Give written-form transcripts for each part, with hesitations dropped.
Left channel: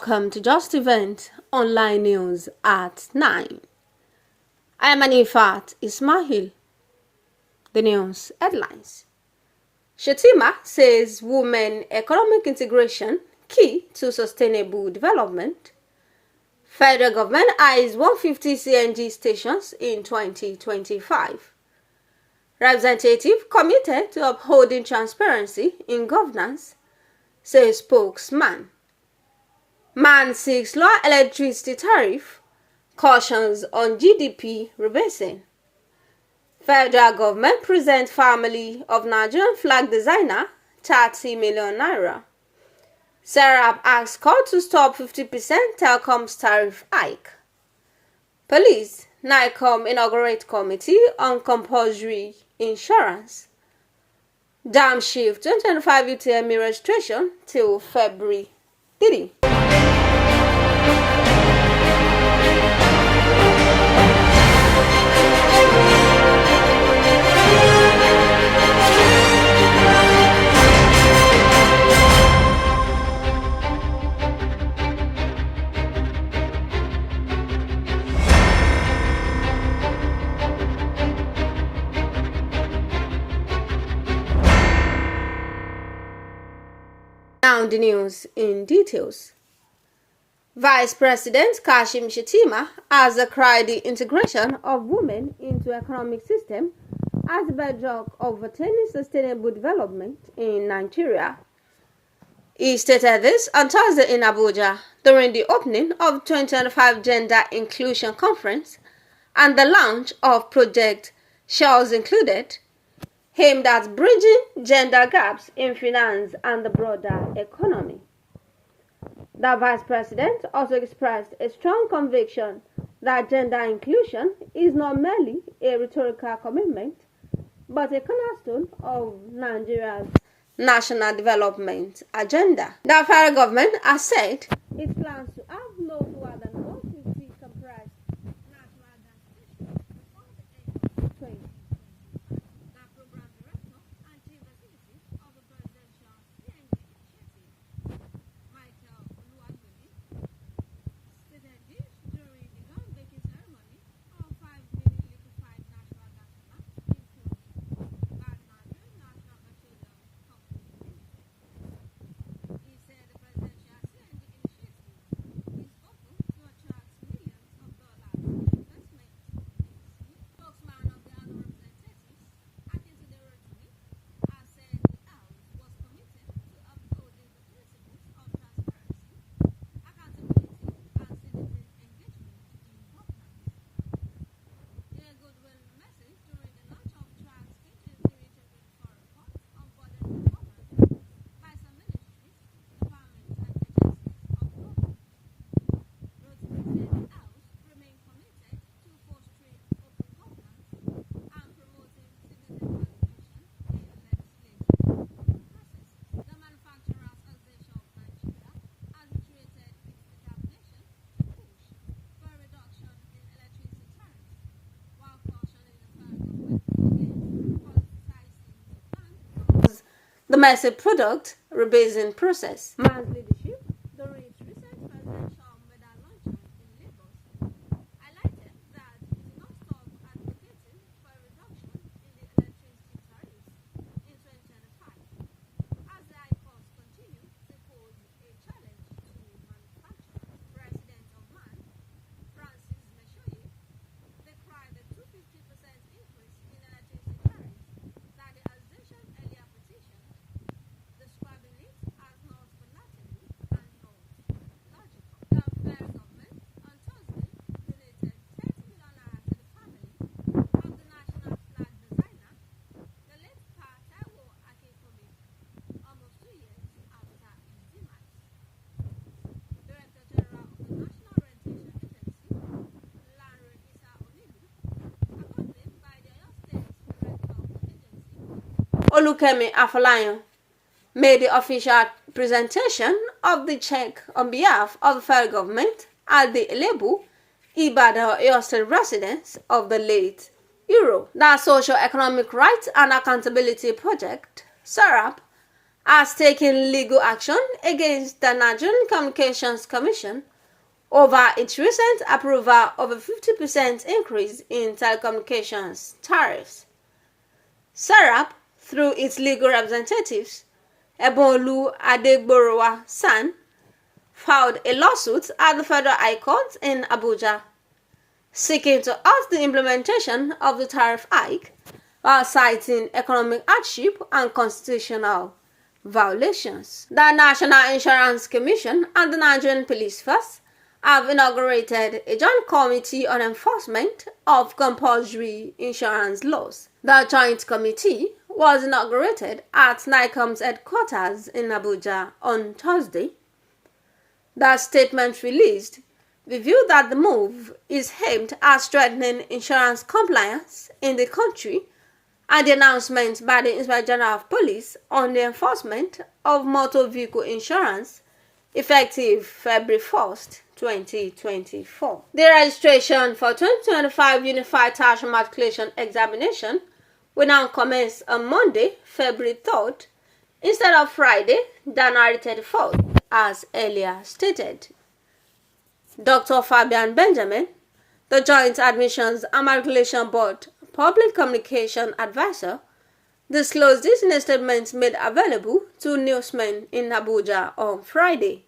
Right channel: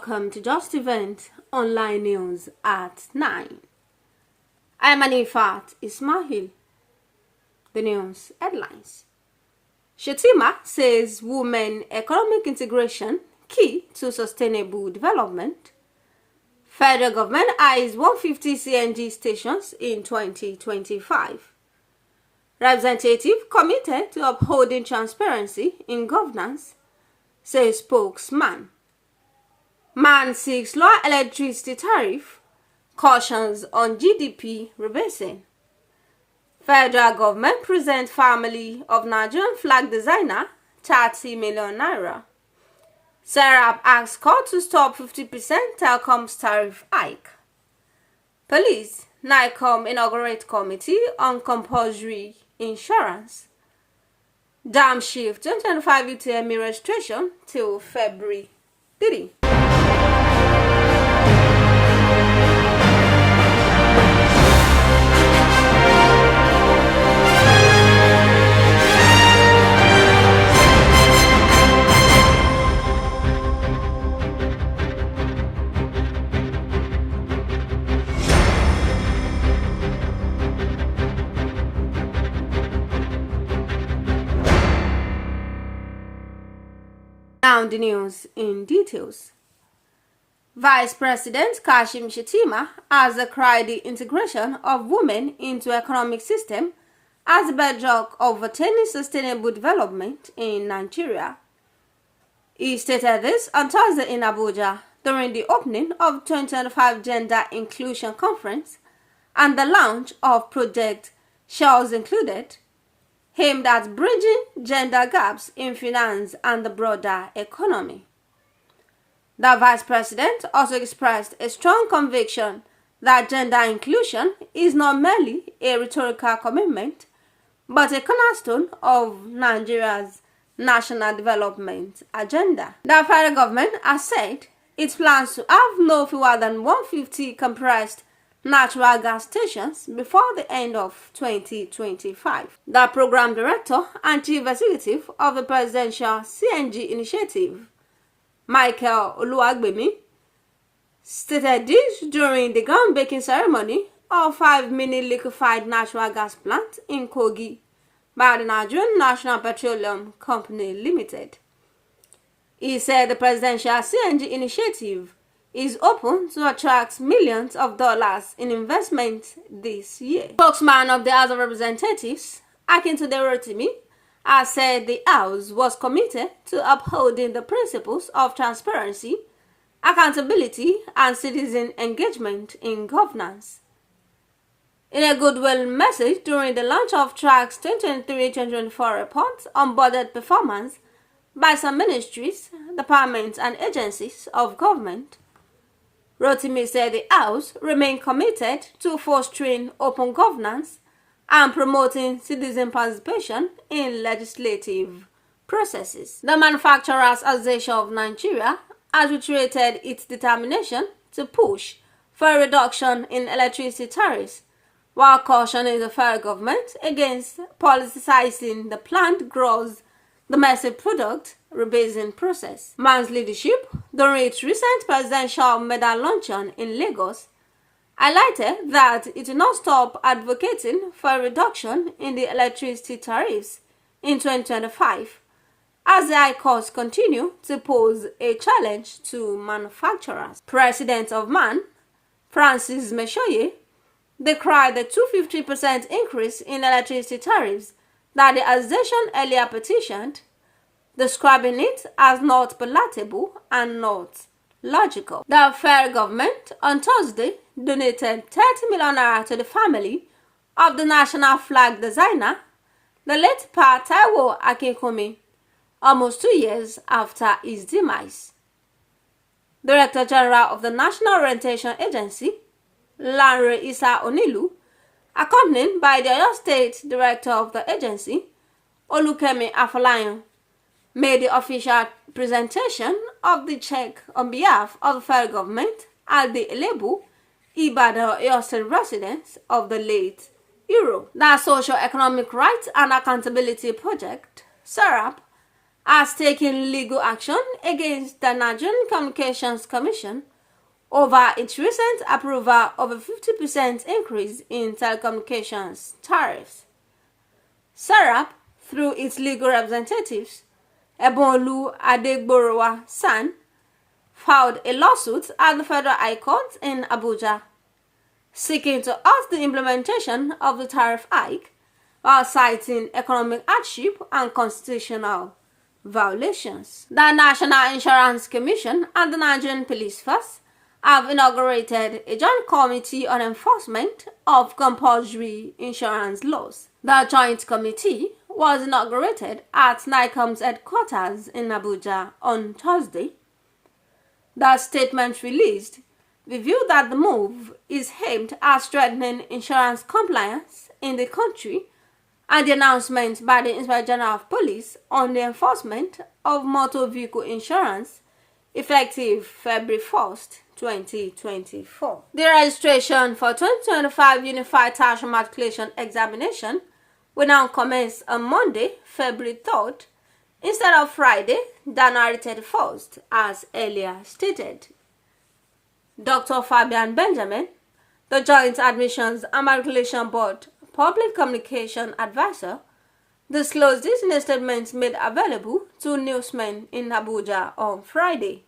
Welcome to Just Event Online News at 9. I am Anifat Ismail. The news headlines. Shettima says women economic integration key to sustainable development. Federal government eyes 150 CNG stations in 2025. Representative committed to upholding transparency in governance, says spokesman. Man seeks lower electricity tariff, cautions on GDP rebasing. Federal government present family of Nigerian flag designer 30 million naira. Serap asks court to stop 50% telecoms tariff hike. Police, NICOM inaugurate committee on compulsory insurance. Dam shift 2025 UTME registration till February 3. Now the news in details. Vice President Kashim Shettima has decried the integration of women into economic system as the bedrock of attaining sustainable development in Nigeria. He stated this on Thursday in Abuja during the opening of 2025 Gender Inclusion Conference and the launch of Project Shells Included, aimed at bridging gender gaps in finance and the broader economy. The Vice President also expressed a strong conviction that gender inclusion is not merely a rhetorical commitment, but a cornerstone of Nigeria's national development agenda. The federal government has said it plans to have no fewer than 150 compressed natural gas stations before the end of 2025. The program director and chief executive of the presidential CNG initiative, Michael Oluwagbemi, stated this during the groundbreaking ceremony of 5-mini liquefied natural gas plant in Kogi by the Nigerian National Petroleum Company Limited. He said the presidential CNG initiative is open to attract millions of dollars in investment this year. Spokesman of the House of Representatives, Akintunde Rotimi, has said the House was committed to upholding the principles of transparency, accountability, and citizen engagement in governance. In a goodwill message during the launch of TRAC's 2023-2024 report on budget performance by some ministries, departments, and agencies of government, Rotimi said the House remained committed to fostering open governance and promoting citizen participation in legislative processes. The Manufacturers Association of Nigeria has reiterated its determination to push for a reduction in electricity tariffs, while cautioning the federal government against politicizing the planned gross domestic product rebasing process. Man's leadership, during its recent presidential medal luncheon in Lagos, highlighted that it will not stop advocating for a reduction in the electricity tariffs in 2025 as the high costs continue to pose a challenge to manufacturers. President of MAN, Francis Meshoye, decried the 250% increase in electricity tariffs that the association earlier petitioned, describing it as not palatable and not logical. The federal government on Thursday donated 30 million naira to the family of the national flag designer, the late Pa Taiwo Akinkunmi, almost 2 years after his demise. Director General of the National Orientation Agency, Lanre Isa Onilu, accompanied by the Oyo State Director of the agency, Olukemi Afolayan, made the official presentation of the check on behalf of the federal government at the Elebu, Ibadan, Oyo State residence of the late hero. The Socio-Economic Rights and Accountability Project, SERAP, has taken legal action against the Nigerian Communications Commission over its recent approval of a 50% increase in telecommunications tariffs. SERAP, through its legal representatives, Ebonlu Adegborowa San, filed a lawsuit at the Federal High Court in Abuja, seeking to halt the implementation of the tariff hike while citing economic hardship and constitutional violations. The National Insurance Commission and the Nigerian Police Force have inaugurated a joint committee on enforcement of compulsory insurance laws. The joint committee was inaugurated at NICOM's headquarters in Abuja on Thursday. The statement released revealed that the move is aimed at strengthening insurance compliance in the country, and the announcement by the Inspector General of Police on the enforcement of motor vehicle insurance effective February 1st, 2024. The registration for 2025 Unified Tertiary Matriculation Examination will now commence on Monday, February 3rd, instead of Friday, January 31st, as earlier stated. Dr. Fabian Benjamin, the Joint Admissions and Matriculation Board Public Communication Advisor, disclosed this in a statement made available to newsmen in Abuja on Friday.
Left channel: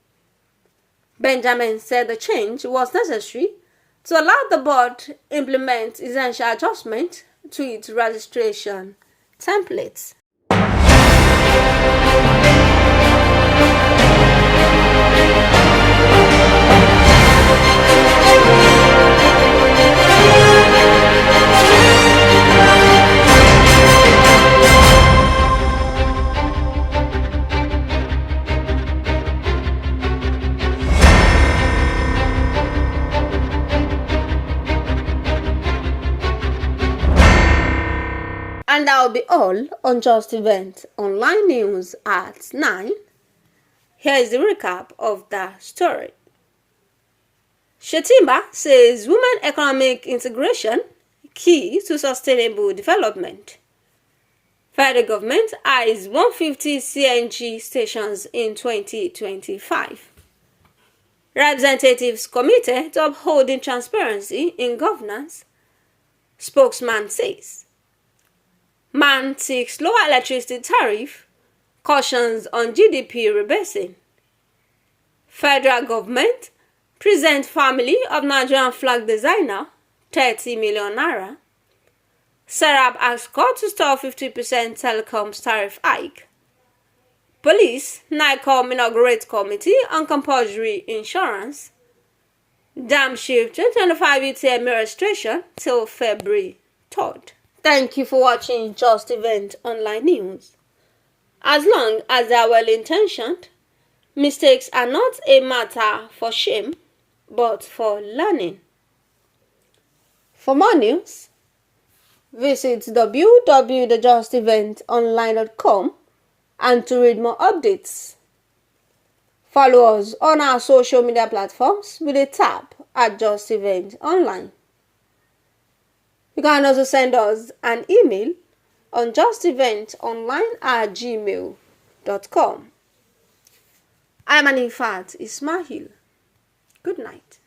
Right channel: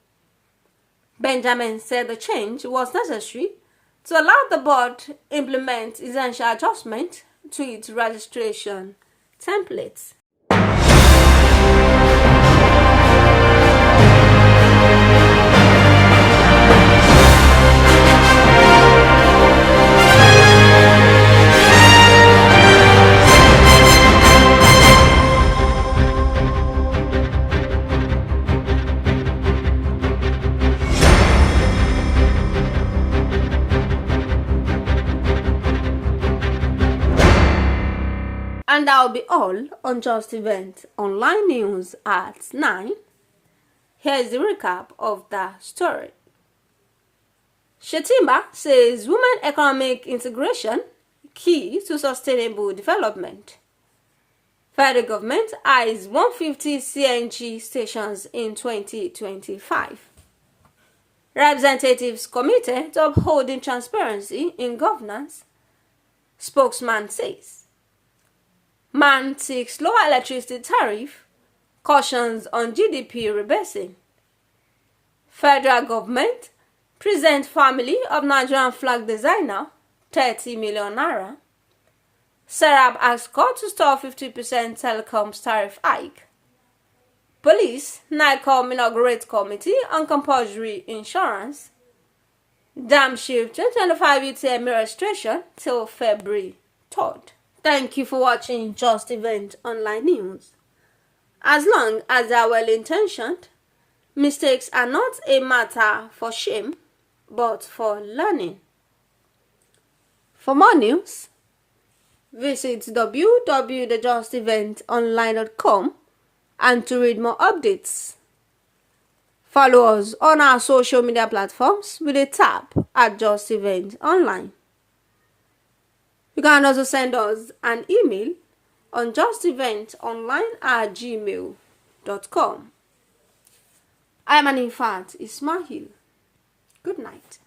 Benjamin said the change was necessary to allow the board implement essential adjustments to its registration templates. And that will be all on Just Event Online News at 9. Here is the recap of the story. Shettima says women economic integration key to sustainable development. Federal government eyes 150 CNG stations in 2025. Representatives committed to upholding transparency in governance, spokesman says. Man seeks lower electricity tariff, cautions on GDP rebasing. Federal government present family of Nigerian flag designer 30 million naira. SERAP asks court to stop 50% telecoms tariff hike. Police, NICOM inaugurate committee on compulsory insurance. Dam shift 2025 UTM registration till February 3rd. Thank you for watching Just Event Online News. As long as they are well-intentioned, mistakes are not a matter for shame, but for learning. For more news, visit www.thejusteventonline.com and to read more updates. Follow us on our social media platforms with a tap at Just Event Online. You can also send us an email on justeventonline@gmail.com. I am Anifat Ismail. Good night.